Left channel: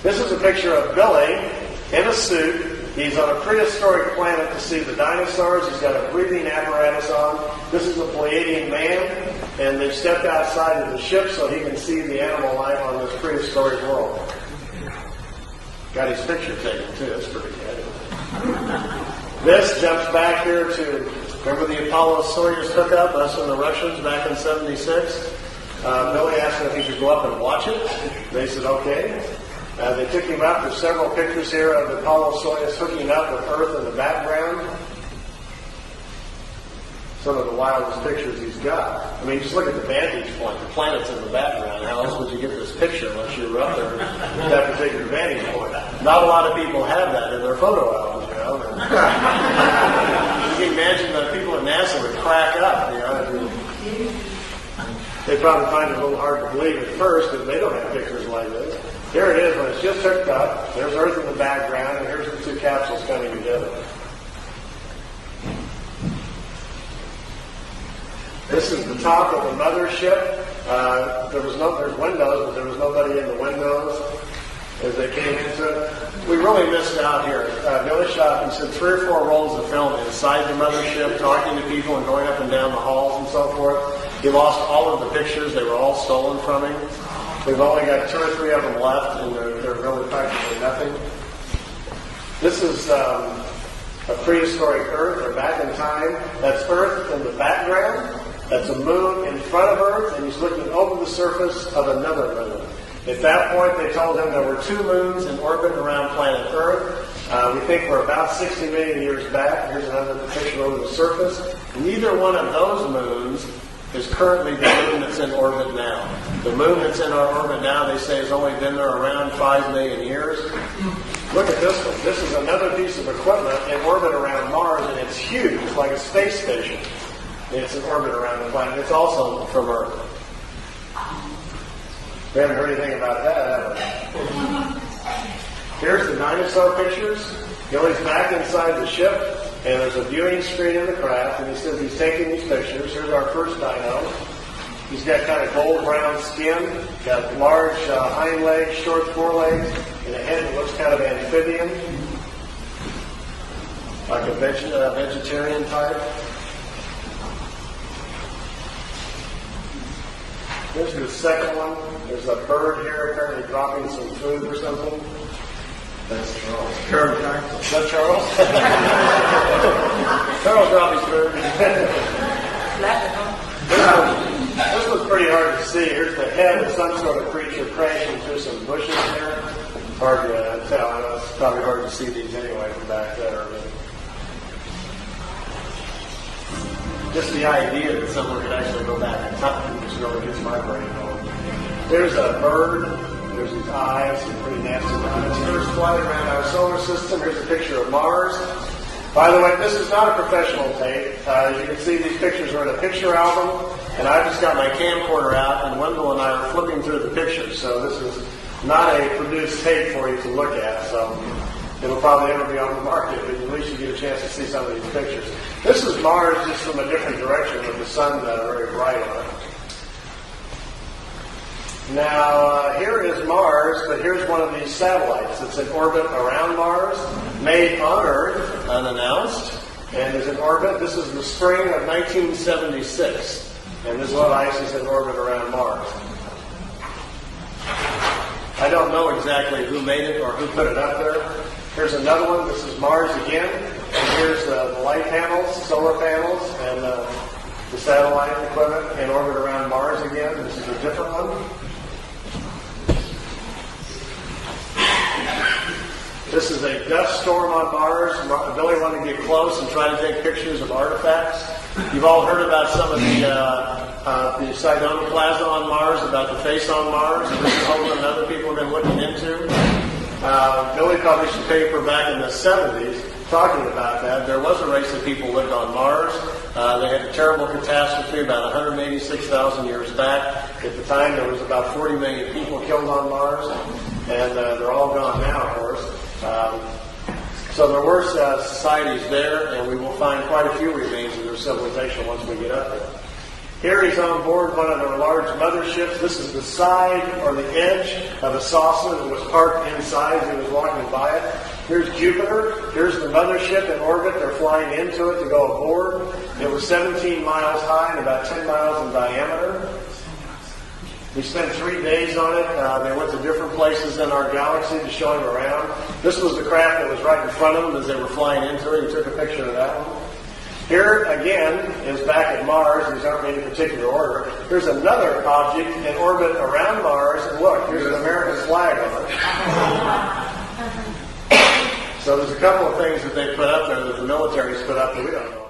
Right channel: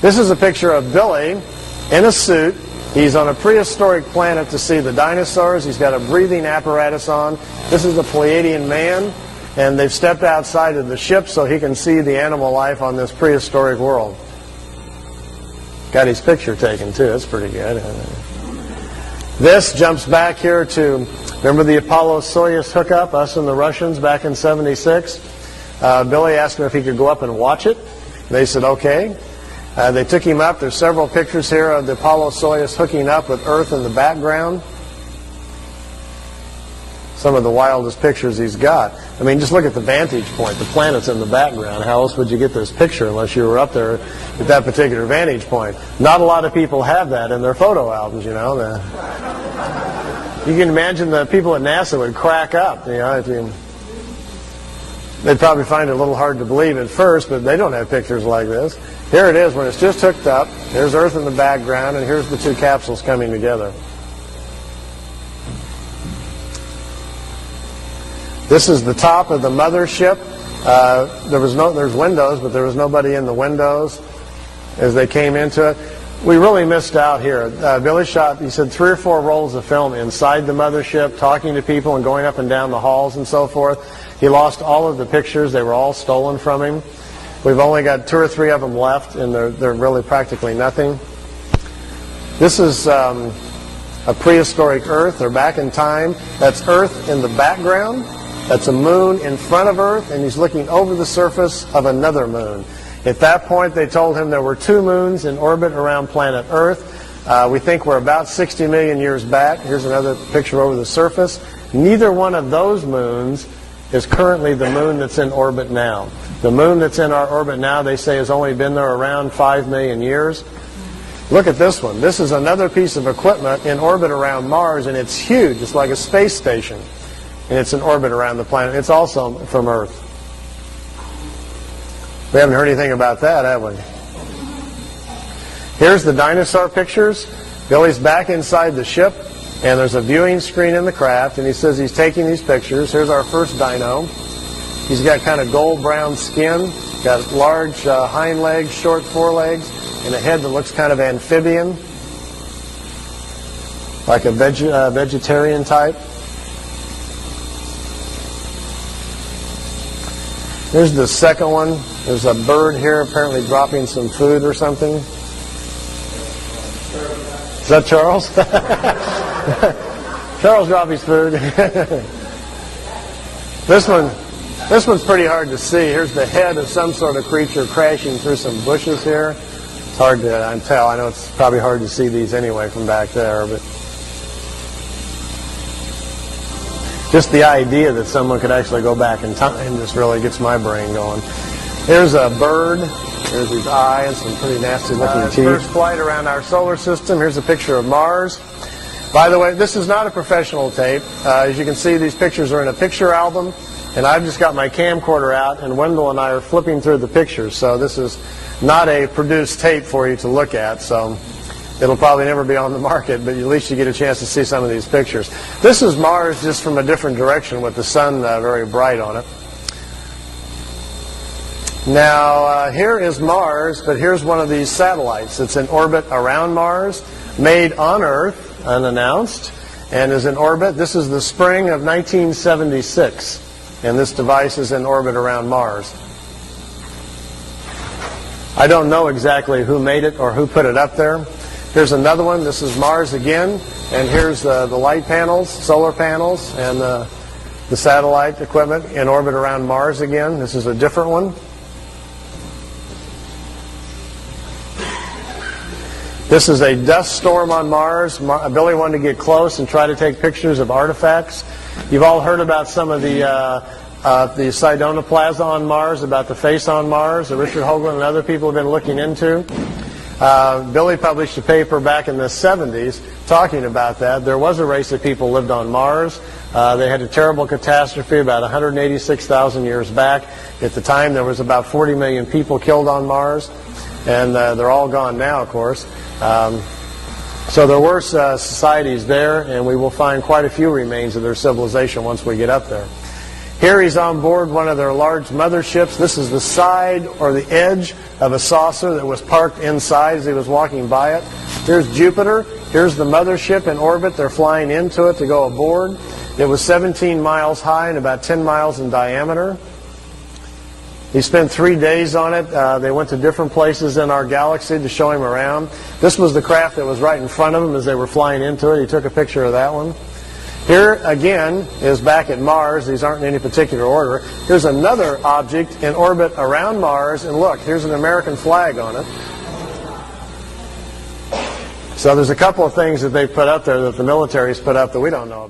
This is a picture of Billy in a suit. He's on a prehistoric planet to see the dinosaurs. He's got a breathing apparatus on. This is the Pleiadian man, and they've stepped outside of the ship so he can see the animal life on this prehistoric world. Got his picture taken too. That's pretty good. This jumps back here to, remember the Apollo-Soyuz hookup, us and the Russians back in '76? Billy asked him if he could go up and watch it. They said, okay. They took him up. There's several pictures here of the Apollo-Soyuz hooking up with Earth in the background. Some of the wildest pictures he's got. I mean, just look at the vantage point. The planet's in the background. How else would you get this picture unless you were up there at that particular vantage point? Not a lot of people have that in their photo albums, you know. You can imagine the people at NASA would crack up, you know. They'd probably find it a little hard to believe at first, but they don't have pictures like this. Here it is when it's just hooked up. There's Earth in the background, and here's the two capsules coming together. This is the top of the mothership. There's windows, but there was nobody in the windows as they came into it. We really missed out here. Billy shot, he said, 3 or 4 rolls of film inside the mothership, talking to people and going up and down the halls and so forth. He lost all of the pictures. They were all stolen from him. We've only got 2 or 3 of them left, and they're really practically nothing. This is a prehistoric Earth. They're back in time. That's Earth in the background. That's a moon in front of Earth, and he's looking over the surface of another moon. At that point, they told him there were 2 moons in orbit around planet Earth. We think we're about 60 million years back. Here's another picture over the surface. Neither one of those moons is currently the moon that's in orbit now. The moon that's in our orbit now, they say, has only been there around 5 million years. Look at this one. This is another piece of equipment in orbit around Mars, and it's huge. It's like a space station, and it's in orbit around the planet. It's also from Earth. We haven't heard anything about that, have we? Here's the dinosaur pictures. Billy's back inside the ship, and there's a viewing screen in the craft, and he says he's taking these pictures. Here's our first dino. He's got kind of gold-brown skin, got large hind legs, short forelegs, and a head that looks kind of amphibian, like a vegetarian type. Here's the second one. There's a bird here apparently dropping some food or something. Is that Charles? Charles dropped his food. This one's pretty hard to see. Here's the head of some sort of creature crashing through some bushes here. It's hard to tell. I know it's probably hard to see these anyway from back there, but just the idea that someone could actually go back in time just really gets my brain going. There's a bird. There's his eyes, some pretty nasty looking teeth. First flight around our solar system. Here's a picture of Mars. By the way, this is not a professional tape. As you can see, these pictures are in a picture album, and I've just got my camcorder out, and Wendell and I are flipping through the pictures. So this is not a produced tape for you to look at. So it'll probably never be on the market, but at least you get a chance to see some of these pictures. This is Mars just from a different direction with the sun very bright on it. Now, here is Mars, but here's one of these satellites. It's in orbit around Mars, made on Earth, unannounced, and is in orbit. This is the spring of 1976, and this device is in orbit around Mars. I don't know exactly who made it or who put it up there. Here's another one. This is Mars again, and here's the light panels, solar panels, and the satellite equipment in orbit around Mars again. This is a different one. This is a dust storm on Mars. Billy wanted to get close and try to take pictures of artifacts. You've all heard about some of the Sidonoplasma on Mars, about the face on Mars that Richard Hoagland and other people have been looking into. Billy published a paper back in the 70s talking about that. There was a race of people lived on Mars. They had a terrible catastrophe about 186,000 years back. At the time, there was about 40 million people killed on Mars, and they're all gone now, of course. So there were societies there, and we will find quite a few remains of their civilization once we get up there. Here he's on board one of their large motherships. This is the side or the edge of a saucer that was parked inside as he was walking by it. Here's Jupiter. Here's the mothership in orbit. They're flying into it to go aboard. It was 17 miles high and about 10 miles in diameter. He spent 3 days on it. They went to different places in our galaxy to show him around. This was the craft that was right in front of him as they were flying into it. He took a picture of that one. Here, again, is back at Mars. These aren't in any particular order. Here's another object in orbit around Mars, and look, here's an American flag on it. So there's a couple of things that they put up there that the military's put up that we don't know about.